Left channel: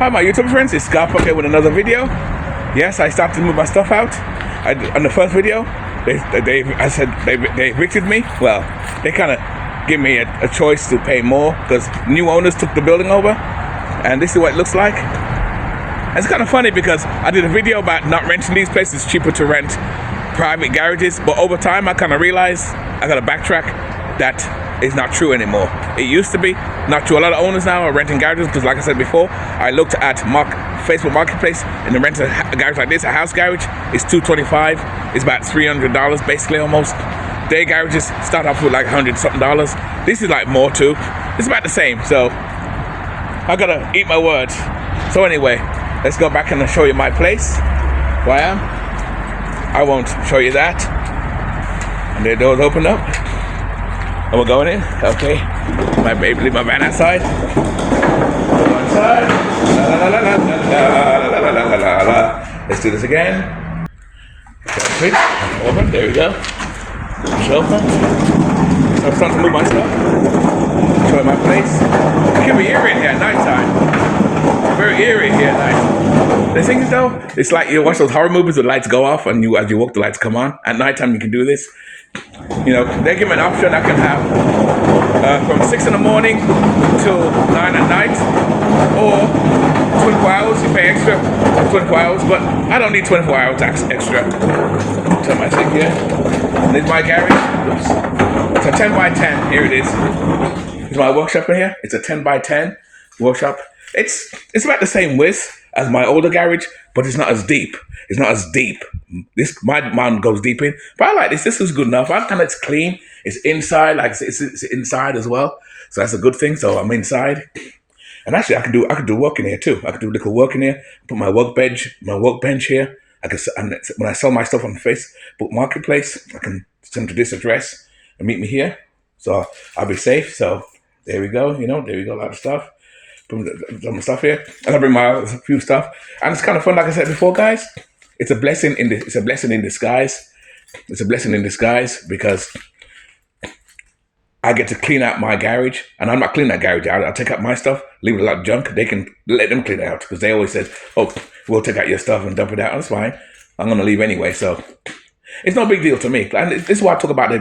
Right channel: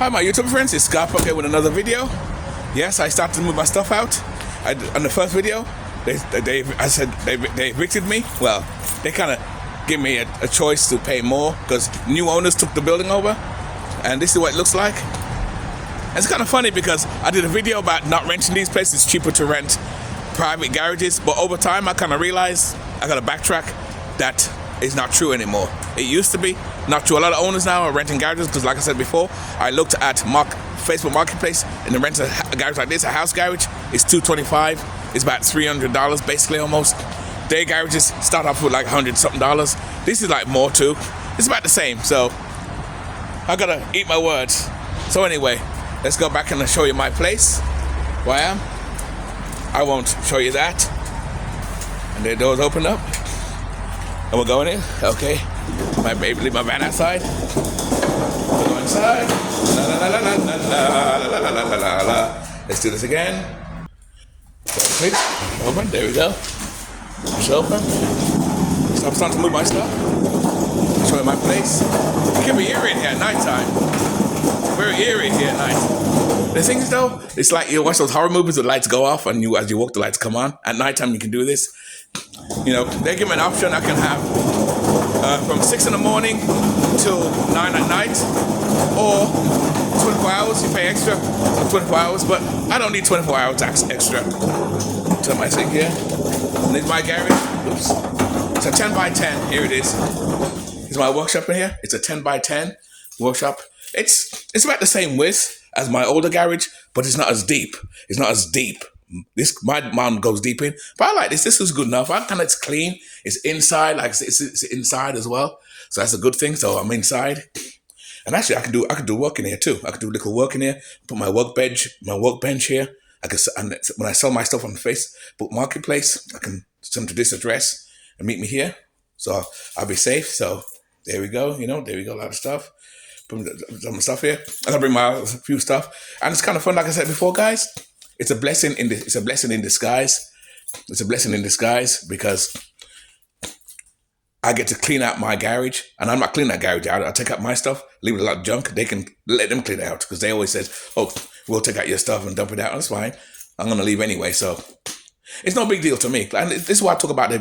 Hi my YouTube friends, it's Scarp here with another video. Yes, I started to move my stuff out. On the first video, they evicted me. Well, they kind of gave me a choice to pay more because new owners took the building over, and this is what it looks like. And it's kind of funny because I did a video about not renting these places. It's cheaper to rent private garages, but over time I kind of realized I got to backtrack. That is not true anymore. It used to be not true. A lot of owners now are renting garages because, like I said before, I looked at Facebook Marketplace and the rent a garage like this, a house garage, is $225. It's about $300 basically almost. Day garages start off with like $100 something. This is like more too. It's about the same. So I gotta eat my words. So anyway, let's go back and show you my place. Where I am. I won't show you that. And the doors open up. And we're going in. Okay. My baby, leave my van outside. We'll go inside. Let's do this again. Open. There we go. Push open. So I'm starting to move my stuff. Show you my place. It can be eerie in here at night time. Very eerie here at night. The thing is though, it's like you watch those horror movies, the lights go off, and as you walk, the lights come on. At nighttime, you can do this. You know, they give me an option. I can have from 6 in the morning till 9 at night, or 24 hours. You pay extra 24 hours, but I don't need 24 hours extra. Turn my thing here. This is my garage. Oops. It's a 10 by 10. Here it is. This is my workshop in here. It's a 10 by 10 workshop. It's about the same width as my older garage, but it's not as deep. It's not as deep. My mom goes deep in, but I like this. This is good enough. It's clean. It's inside, like it's inside as well. So that's a good thing. So I'm inside, and actually I could do work in here too. I could do little work in here. Put my workbench here. And when I sell my stuff on Facebook Marketplace, I can send to this address and meet me here. So I'll be safe. So there we go. You know, there we go. A lot of stuff. Put some stuff here, and I bring my few stuff, and it's kind of fun. Like I said before, guys, it's a blessing in disguise. It's a blessing in disguise because I get to clean out my garage, and I'm not cleaning that garage out. I take out my stuff, leave it a lot of junk. They can let them clean it out because they always says, "Oh, we'll take out your stuff and dump it out." That's fine. I'm gonna leave anyway, so it's no big deal to me. And this is why I talk about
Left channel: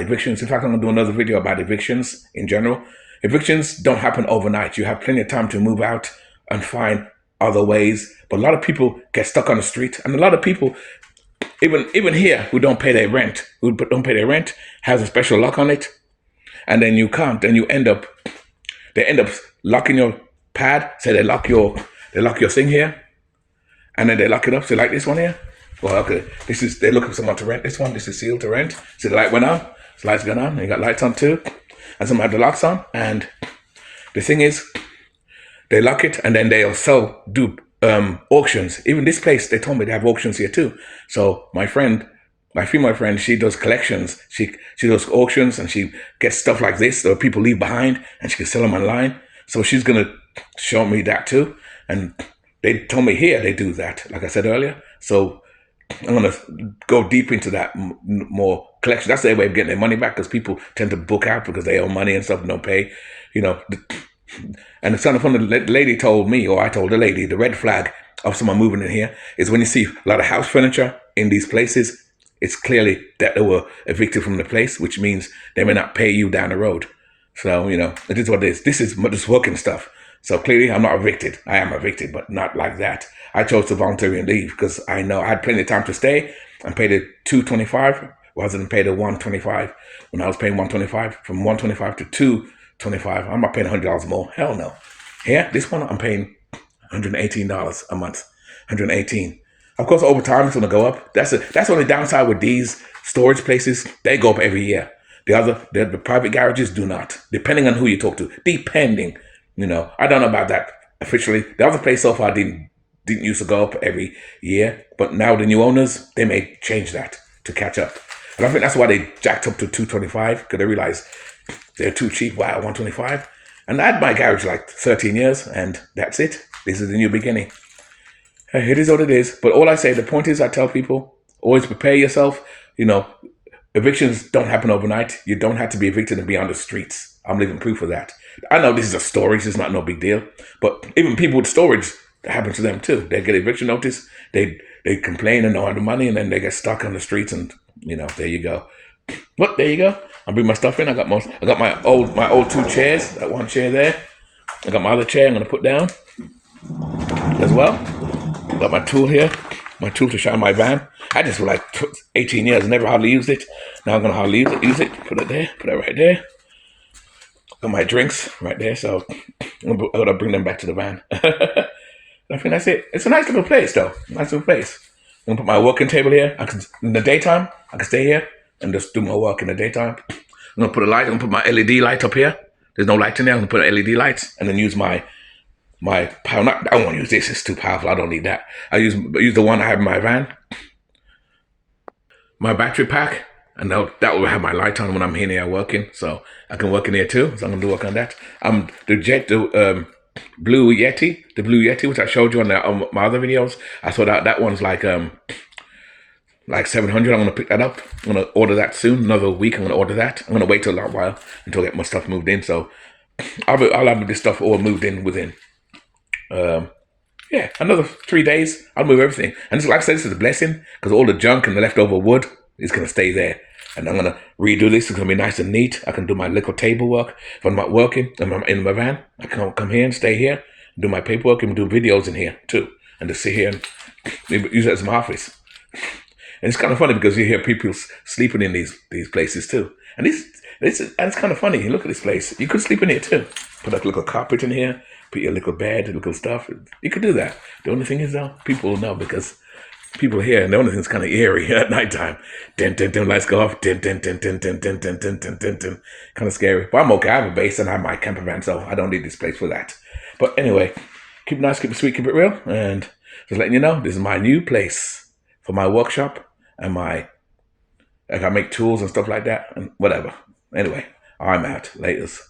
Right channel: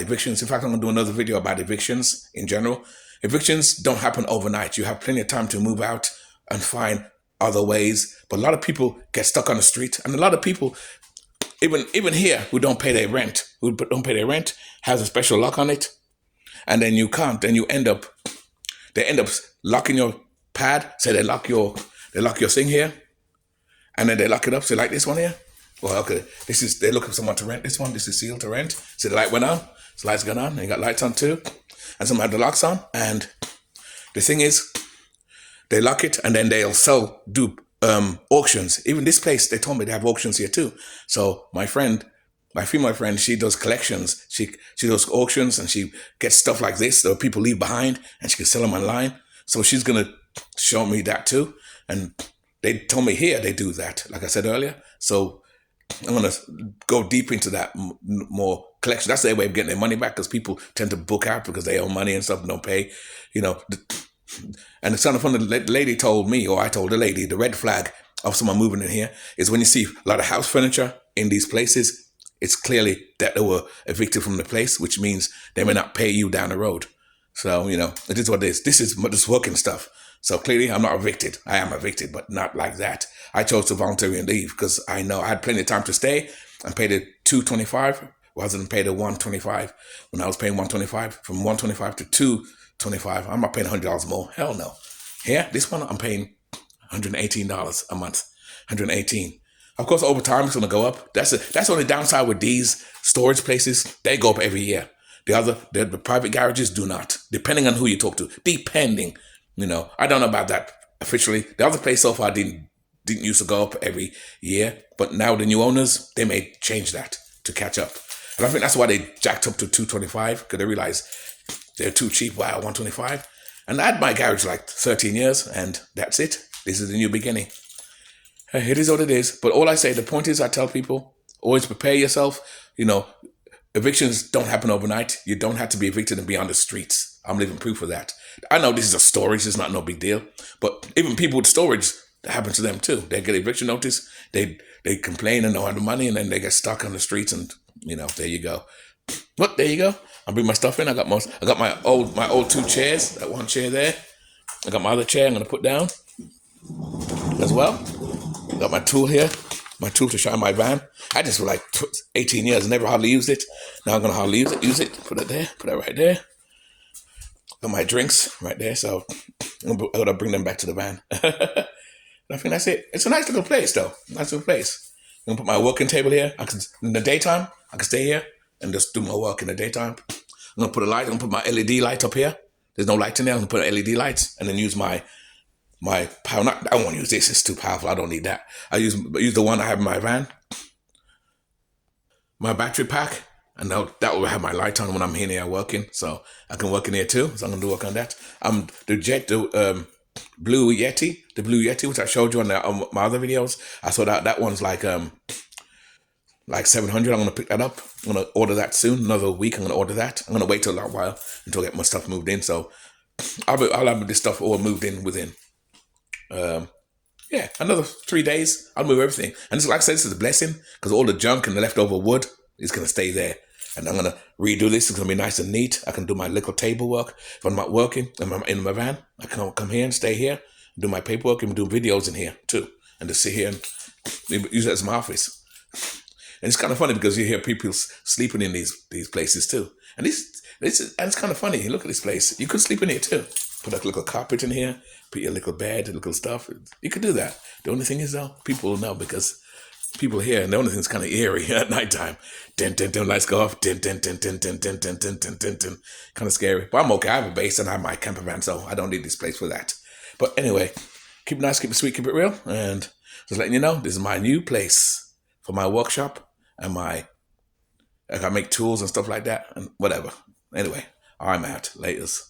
evictions. In fact, I'm gonna do another video about evictions in general. Evictions don't happen overnight. You have plenty of time to move out and find other ways. But a lot of people get stuck on the street, and a lot of people, even here, who don't pay their rent, has a special lock on it, and then you can't. Then they end up locking your pad. Say they lock your thing here, and then they lock it up. So like this one here. Well, okay, they're looking for someone to rent this one. This is sealed to rent. See the light went on. So lights going on. And you got lights on too. And some have the locks on, and the thing is, they lock it, and then they'll do auctions. Even this place, they told me they have auctions here too. So my female friend, she does collections. She does auctions, and she gets stuff like this that people leave behind, and she can sell them online. So she's gonna show me that too. And they told me here they do that, like I said earlier. So I'm gonna go deep into that more collection. That's their way of getting their money back, because people tend to book out because they owe money and stuff and don't pay, you know. And it's kind of fun. The lady told me, or I told the lady, the red flag of someone moving in here is when you see a lot of house furniture in these places, it's clearly that they were evicted from the place, which means they may not pay you down the road. So, you know, it is what it is. This is just working stuff. So clearly I'm not evicted. I am evicted, but not like that. I chose to voluntarily leave because I know I had plenty of time to stay and pay the $225 rather than pay the $125. When I was paying $125, from $125 to $225, I'm not paying $100 more. Hell no. Here, this one I'm paying $118 a month. $118. Of course, over time it's gonna go up. That's the only downside with these storage places. They go up every year. The private garages do not, depending on who you talk to. Depending, you know, I don't know about that officially. The other place so far didn't used to go up every year, but now the new owners, they may change that to catch up. And I think that's why they jacked up to $225, because they realized they're too cheap by $125. And I had my garage like 13 years, and that's it. This is the new beginning. It is what it is. But all I say, the point is, I tell people, always prepare yourself. You know, evictions don't happen overnight. You don't have to be evicted and be on the streets. I'm living proof of that. I know this is a story. This is not no big deal. But even people with storage, it happens to them too. They get eviction notice, they complain and don't have the money, and then they get stuck on the streets, and there you go. But there you go. I bring my stuff in. I got my old 2 chairs. That 1 chair there. I got my other chair I'm gonna put down as well. Got my tool here. My tool to shine my van. I just for like 18 years, never hardly used it. Now I'm gonna hardly use it. Put it there. Put it right there. Got my drinks right there. So I'm gonna bring them back to the van. I think that's it. It's a nice little place though. Nice little place. I'm gonna put my working table here. In the daytime, I can stay here and just do my work in the daytime. I'm gonna put a light. I'm gonna put my LED light up here. There's no light in there. I'm gonna put LED lights and then use my power. I don't want to use this. It's too powerful. I don't need that. I use the one I have in my van. My battery pack, and that will have my light on when I'm in here working. So I can work in here too. So I'm gonna do work on that. The Blue Yeti, which I showed you on my other videos. I saw that one's like 700. I'm gonna pick that up. I'm gonna order that soon. Another week, I'm gonna order that. I'm gonna wait till a long while until I get my stuff moved in. So I'll have this stuff all moved in within another 3 days. I'll move everything. And like I said, this is a blessing because all the junk and the leftover wood is gonna stay there. And I'm gonna redo this. It's gonna be nice and neat. I can do my little table work. If I'm not working in my van, I can come here and stay here, do my paperwork, and do videos in here too, and just sit here and use it as my office. And it's kind of funny because you hear people sleeping in these places too. And it's kind of funny. Look at this place. You could sleep in here too. Put a little carpet in here. Put your little bed, little stuff. You could do that. The only thing is though, people will know because people here, and the only thing that's kind of eerie at nighttime. Dun, dun, dun, lights go off. Dun, dun, dun, dun, dun, dun, dun, dun, dun, dun, dun. Kind of scary. But I'm okay. I have a base and I have my camper van, so I don't need this place for that. But anyway, keep it nice, keep it sweet, keep it real. And just letting you know, this is my new place for my workshop and I make tools and stuff like that and whatever. Anyway, I'm out. Laters.